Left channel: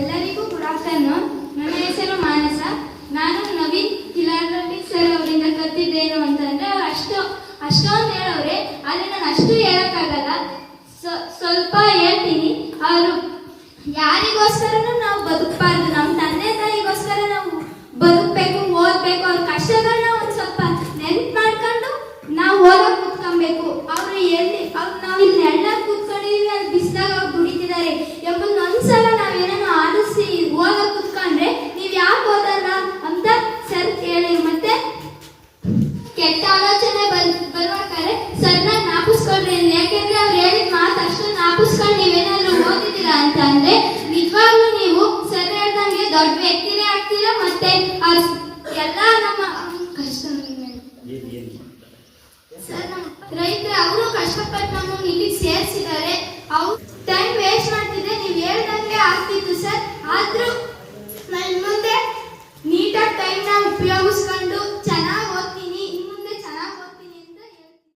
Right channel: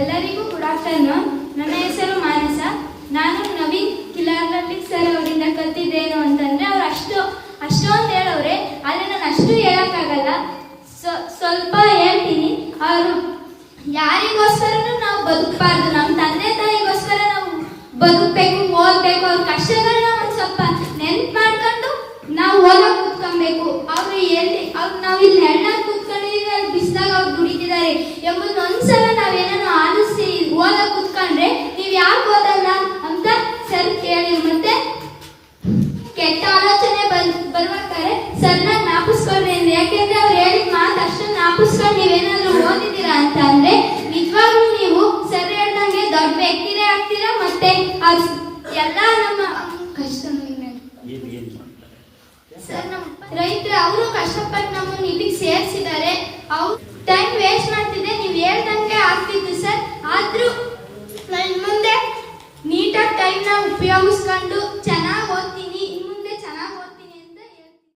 ಎಲ್ಲರಿಗೂ good afternoon. ನನ್ನ ಹೆಸರು ಮಾನಸ. ನಾನು ನವೀನ್ ಕಿಲಾರಟ್ಟಿ ಸರ್ ಅವರಿಂದ ಕಲ್ತಿದ್ದೇನು ಅಂತಂದ್ರೆ ಅವ್ರು ಅಷ್ಟೊಂದು ಹೇಳವ್ರೆ, ಆದರೆ ನಾನು ಅಷ್ಟು ಹೇಳಕ್ಕಾಗಲ್ಲ. ಸ್ವಲ್ಪ ಹೇಳ್ತೀನಿ. ಅವರು ಯಾರಿಗೋಸ್ಕರನೂ ನಾವು ಬದುಕಬಾರ್ದು, ನಮ್ಮ ತಂದೆ ತಾಯಿಗೋಸ್ಕರ ನಾವು ಬದುಕಬೇಕು, ಓದಬೇಕು. ಅವ್ರ ಕಷ್ಟಗಳನ್ನ ಒಂದು ಸ್ವಲ್ಪ ನೆನ್ಪು ಮಾಡ್ಕೊಂಡು ನಾವು ಓದಕ್ಕೆ ಕೂತ್ಕೊಬೇಕು. ಅವರು ನಾವು ಇಲ್ಲಿ ನೆರಳಾಗಿ ಕೂತ್ಕೊಂಡಿದ್ದೀವಿ, ಅಲ್ಲಿ ಬಿಸಿಲಾಗ ಅವ್ರು ದುಡಿತಿದ್ದಾರೆ ಎಂಬುದನ್ನ ಒಂದ್ಸಲ ನಾವೇನೋ ಆಲಿಸಿ ಓದಕ್ಕೆ ಕೂತ್ಕೊಂಡ್ರೆ ನೀವು ಯಾಕೆ ಓದಲ್ಲ ಅಂತ ಸರ್ ಕೇಳಿ. ಮತ್ತೆ ಕೆಟ್ಟ ಆಲೋಚನೆ ಬರ್ಬೇಕಾದ್ರೆ ಸರ್ನ ಜ್ಞಾಪಿಸ್ಕೊಳ್ರಿ. ಯಾಕೆಂದ್ರೆ ಅವ್ರು ಹೇಳಿದ ಮಾತು ಅಷ್ಟು ಜ್ಞಾಪಿಸ್ಕೊಂಡು ನೀವೇನಾದ್ರೂ ಓದಿದ್ದೀರಾ ಅಂತ ಅಂದ್ರೆ ನಿಜವಾಗ್ಲೂ ನೀವು ಸರ್ ಹೇಳ್ದಂಗೆ ದೊಡ್ಡ ವ್ಯಕ್ತಿನೇ ಆಗ್ತೀರಾ. ಮತ್ತೆ ಎಲ್ಲ ನಮ್ಮ ಕಷ್ಟ ಸರ್, ನಮ್ಮ ರೈತರು ಅವರು ಕಷ್ಟಪಟ್ಟು ನಮ್ಮನ್ನು ಇಲ್ಲಿಗೆ ಸೇರಿಸಿದ್ದಾರೆ. ಅವ್ರು ಟೈಮ್ ವೇಸ್ಟ್ ಮಾಡ್ತಿದ್ದೆ, ನೀವು ಹೇಳ್ದಂಗೆ ಆಗ್ತಿತ್ತು ಸರ್. ಆದ್ರೂ ಮುಂದೆ ನೀಟಾಗಿ ಟೈಮ್ನ ಉಪಯೋಗಿಸ್ಕೊಂಡು